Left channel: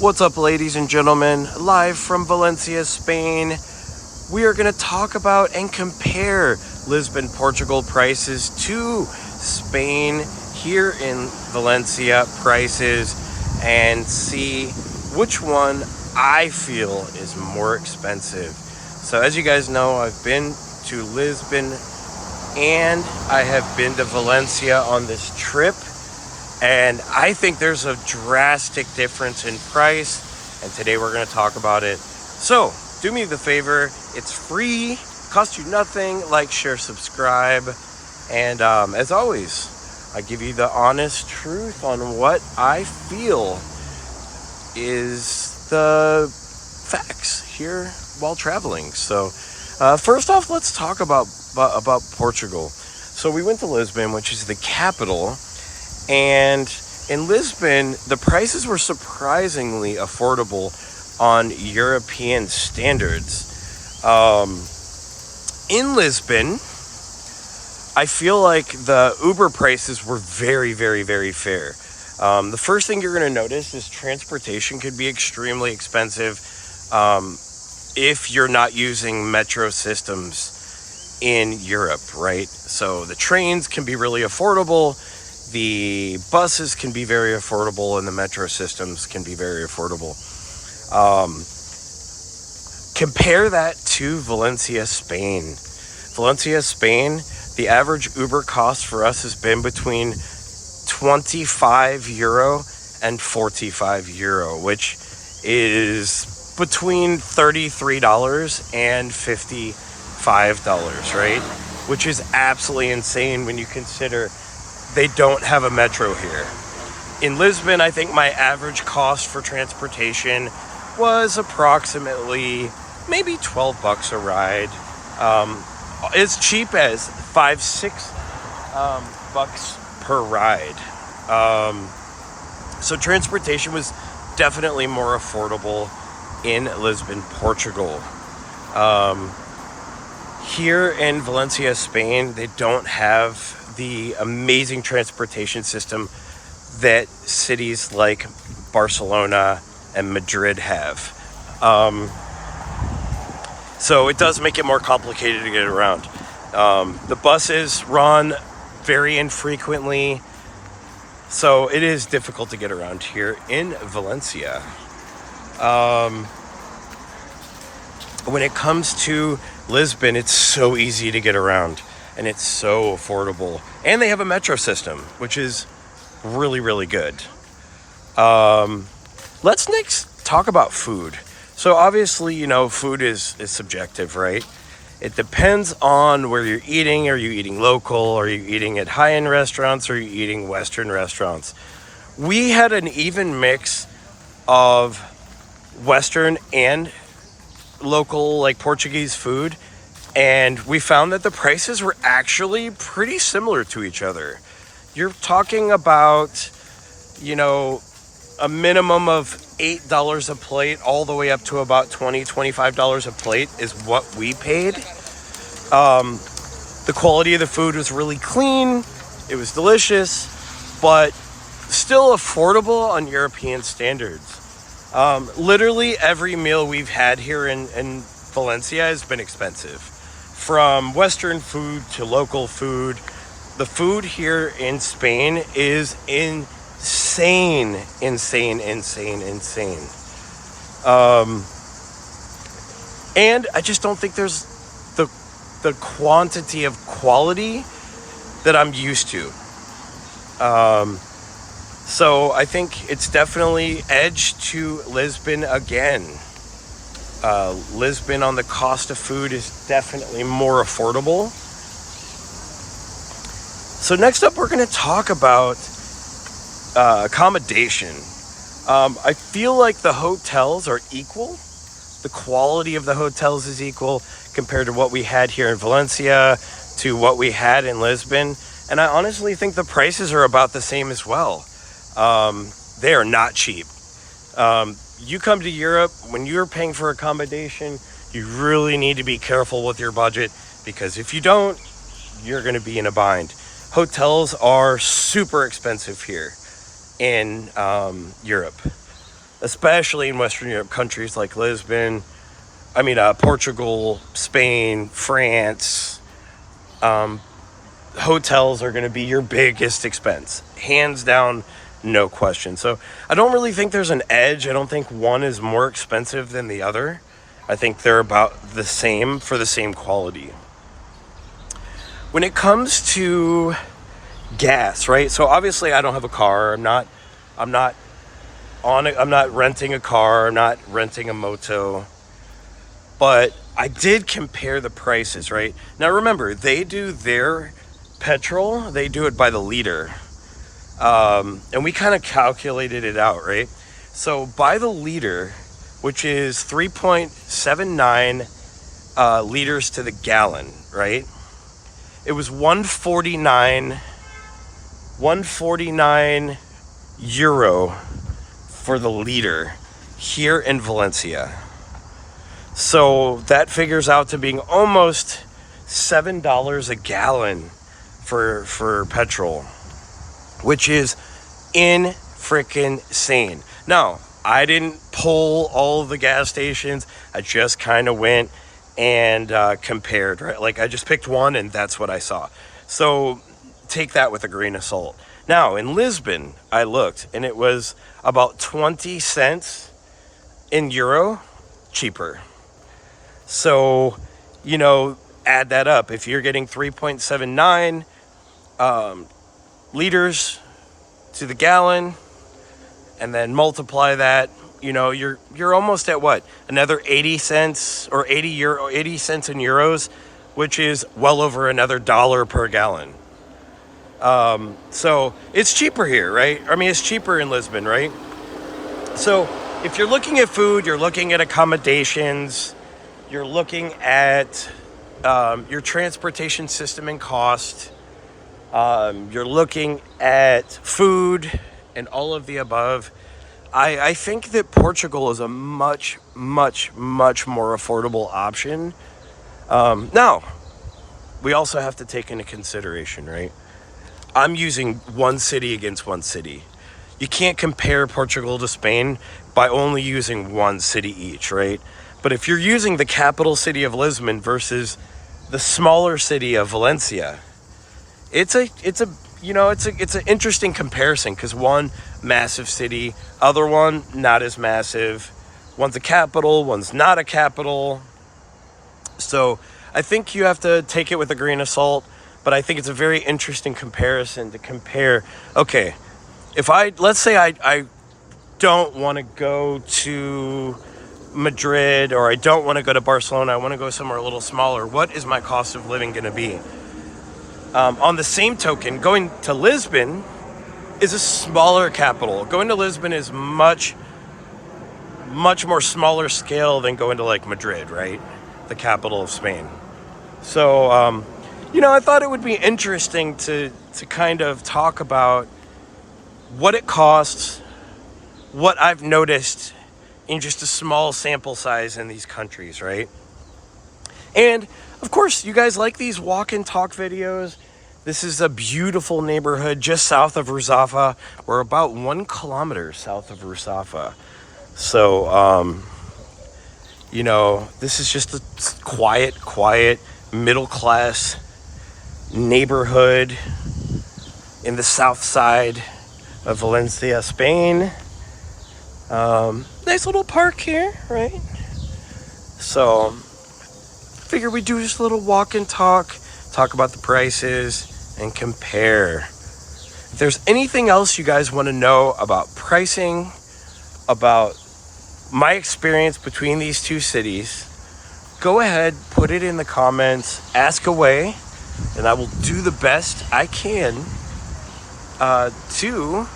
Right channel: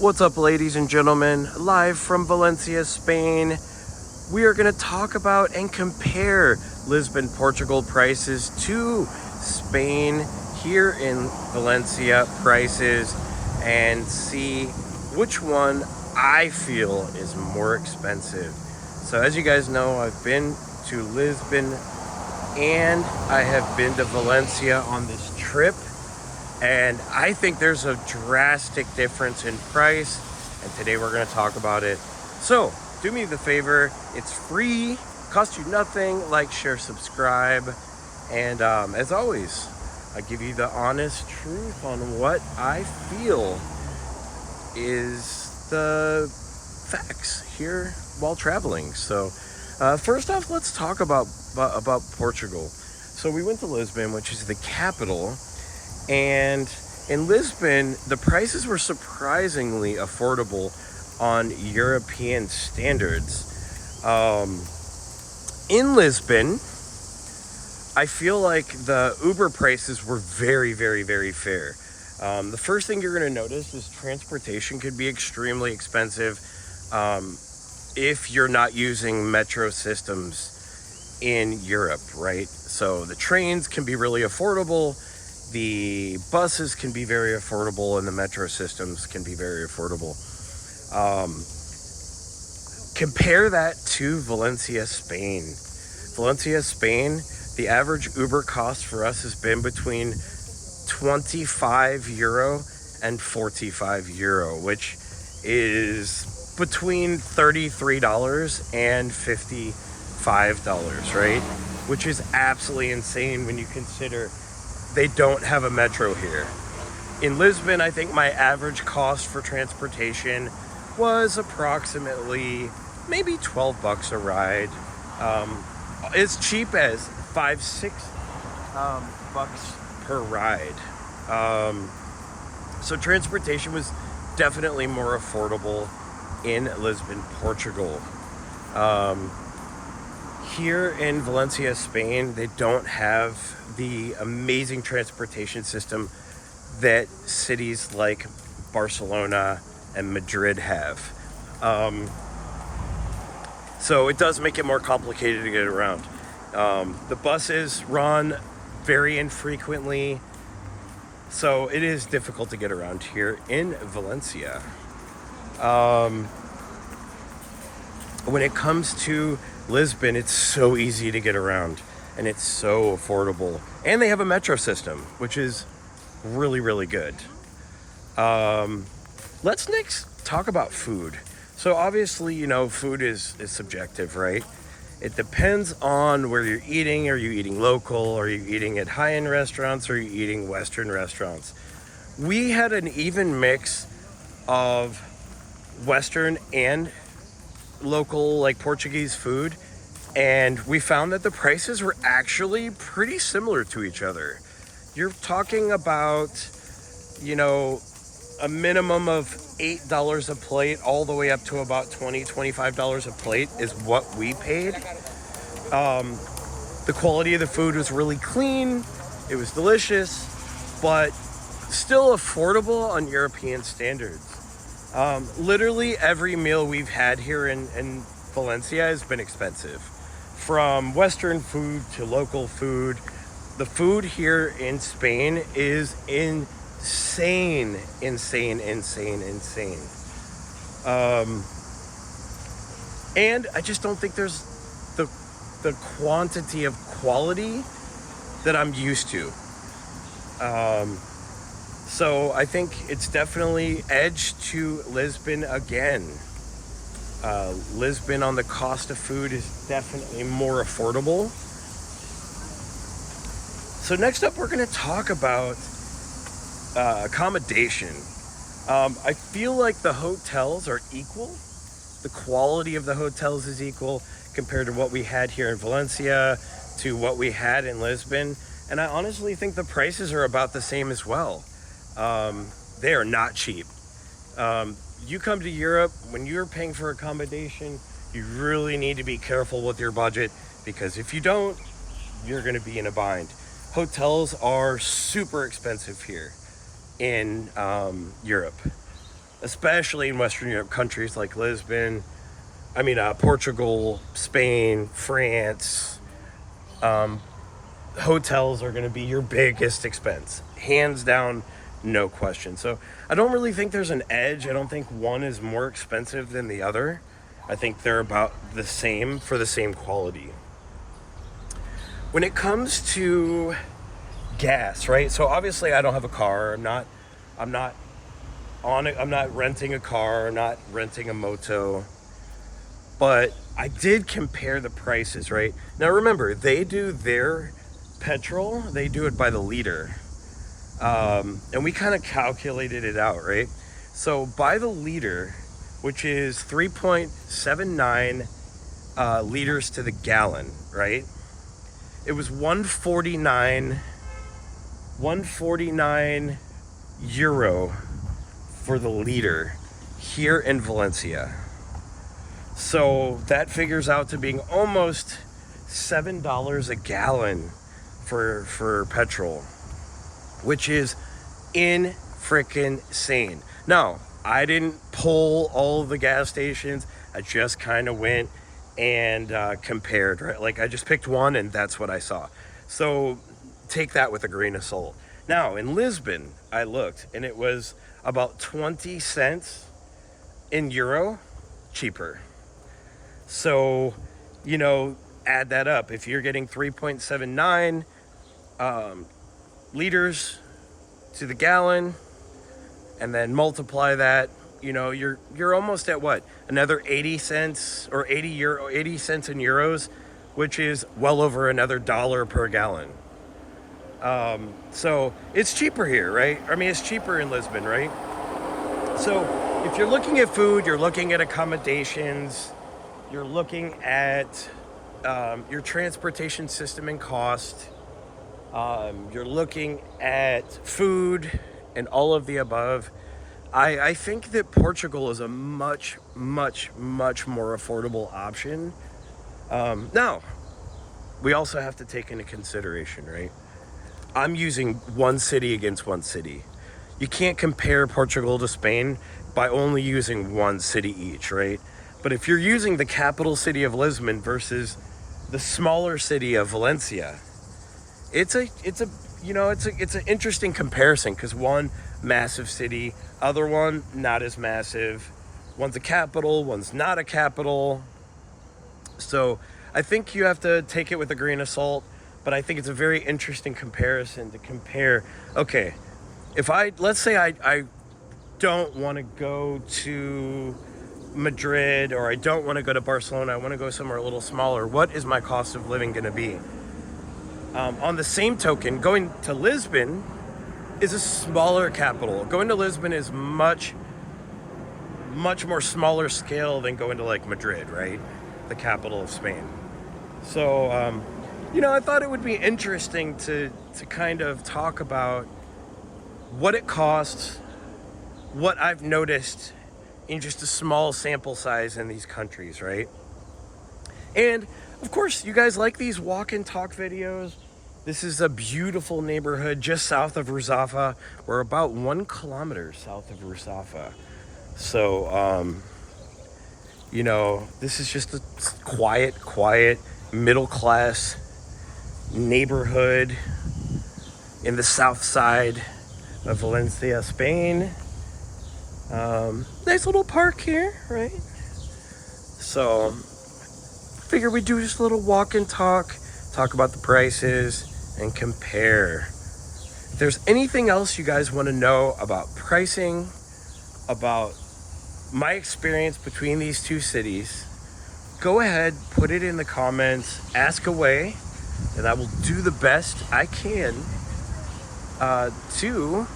What's up, ladies and gentlemen? Live from Valencia, Spain. We are going to talk about and compare Lisbon, Portugal prices to Spain here in Valencia prices and see which one I feel is more expensive. So as you guys know, I've been to Lisbon and I have been to Valencia on this trip. And I think there's a drastic difference in price, and today we're going to talk about it. So, do me the favor, it's free, costs you nothing, like, share, subscribe, and as always, I give you the honest truth on what I feel is the facts here while traveling. So, first off, let's talk about Portugal. So we went to Lisbon, which is the capital. And in Lisbon, the prices were surprisingly affordable on European standards. In Lisbon, I feel like the Uber prices were very, very, very fair. The first thing you're going to notice is transportation could be extremely expensive if you're not using metro systems in Europe, right? So the trains can be really affordable. The buses can be very affordable and the metro systems can be very affordable. Compare that to Valencia, Spain. Valencia, Spain, the average Uber cost for us has been between 25 euro and 45 euro, which is between $33 and $55, right? Which is absolutely insane when you consider they don't have a metro here. In Lisbon, I think my average cost for transportation was approximately maybe $12 a ride. As cheap as $5-6 bucks per ride. So transportation was definitely more affordable in Lisbon, Portugal. Here in Valencia, Spain, they don't have the amazing transportation system that cities like Barcelona and Madrid have. So it does make it more complicated to get around. The buses run very infrequently, so it is difficult to get around here in Valencia. When it comes to Lisbon, it's so easy to get around and it's so affordable, and they have a metro system, which is really, really good. Let's next talk about food. So obviously, you know, food is subjective, right? It depends on where you're eating. Are you eating local? Are you eating at high-end restaurants? Or are you eating Western restaurants? We had an even mix of Western and local, like Portuguese food, and we found that the prices were actually pretty similar to each other. You're talking about, you know, a minimum of $8 a plate all the way up to about $20-25 a plate is what we paid. The quality of the food was really clean, it was delicious, but still affordable on European standards. Literally every meal we've had here in Valencia has been expensive. From Western food to local food, the food here in Spain is insane. And I just don't think there's the quantity of quality that I'm used to. So I think it's definitely edged to Lisbon again. Lisbon on the cost of food is definitely more affordable. So next up, we're going to talk about accommodation. I feel like the hotels are equal. The quality of the hotels is equal compared to what we had here in Valencia to what we had in Lisbon. And I honestly think the prices are about the same as well. They are not cheap. You come to Europe, when you're paying for accommodation, you really need to be careful with your budget, because if you don't, you're going to be in a bind. Hotels are super expensive here in Europe. especially in Western Europe countries like Lisbon, Portugal, Spain, France. Hotels are going to be your biggest expense, hands down, no question. So I don't really think there's an edge. I don't think one is more expensive than the other. I think they're about the same for the same quality. When it comes to gas, right? So obviously I don't have a car. I'm not renting a car. I'm not renting a moto. But I did compare the prices, right? Now remember, they do their petrol, they do it by the liter. And we kind of calculated it out, right? So by the liter, which is 3.79 liters to the gallon, right? It was 149 euro for the liter here in Valencia. So that figures out to being almost $7 a gallon for petrol, which is insane. Now, I didn't pull all of the gas stations. I just kind of went and compared, right? Like I just picked one and that's what I saw. So take that with a grain of salt. Now, in Lisbon, I looked and it was about 20 cents in euro cheaper. So, add that up. If you're getting 3.79 liters to the gallon and then multiply that, you're almost at what? Another 80 cents or 80 cents in euros, which is well over another $1 per gallon. So it's cheaper here, right? It's cheaper in Lisbon, right? So if you're looking at food, you're looking at accommodations, you're looking at your transportation system and cost. You're looking at food and all of the above. I think that Portugal is a much, much, much more affordable option. Now, we also have to take into consideration, right? I'm using one city against one city. You can't compare Portugal to Spain by only using one city each, right? But if you're using the capital city of Lisbon versus the smaller city of Valencia, it's an interesting comparison because one massive city, other one not as massive. One's a capital, one's not a capital. So I think you have to take it with a grain of salt, but I think it's a very interesting comparison to compare. Okay, let's say I don't want to go to Madrid or I don't want to go to Barcelona, I want to go somewhere a little smaller. What is my cost of living going to be? On the same token, going to Lisbon is a smaller capital. Going to Lisbon is much, much more smaller scale than going to like Madrid, right? The capital of Spain. So, I thought it would be interesting to kind of talk about what it costs, what I've noticed in just a small sample size in these countries, right? And of course, you guys like these walk and talk videos. This is a beautiful neighborhood just south of Ruzafa. We're about 1 kilometer south of Ruzafa. So, this is just a quiet, middle-class neighborhood in the south side of Valencia, Spain. Nice little park here, right? So, figure we do just a little walk and talk about the prices, and compare. If there's anything else you guys want to know about pricing, about my experience between these two cities, go ahead, put it in the comments, ask away, and I will do the best I can to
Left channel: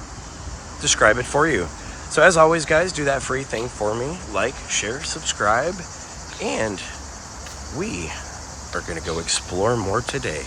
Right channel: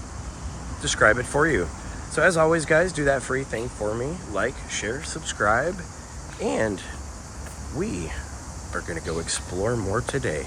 describe it for you. So as always, guys, do that free thing for me. Like, share, subscribe, and we are going to go explore more today.